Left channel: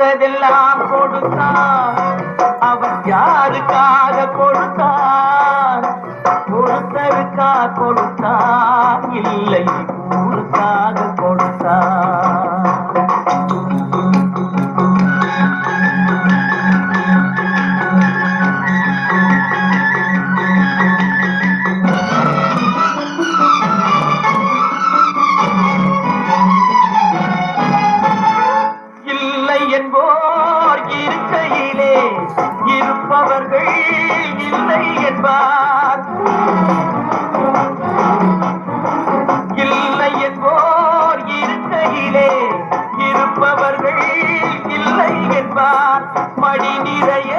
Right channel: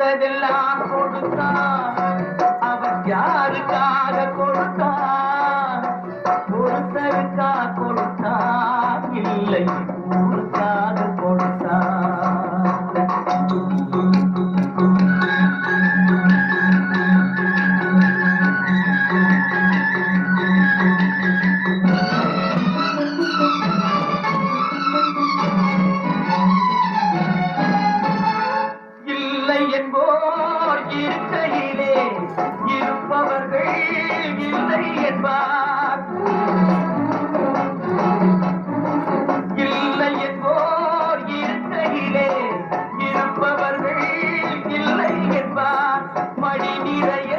கொடுத்ததெல்லாம் கொடுத்தான். அவன் யாருக்காக கொடுத்தான்? ஒருத்தருக்கா கொடுத்தான், இல்லை ஊருக்காக கொடுத்தான். இல்லை என்போர் இருக்கையிலே இருப்பவர்கள் இல்லை என்பார். இல்லை என்போர் இருக்கையிலே இருப்பவர்கள் இல்லை என்பார். மடி நிறைய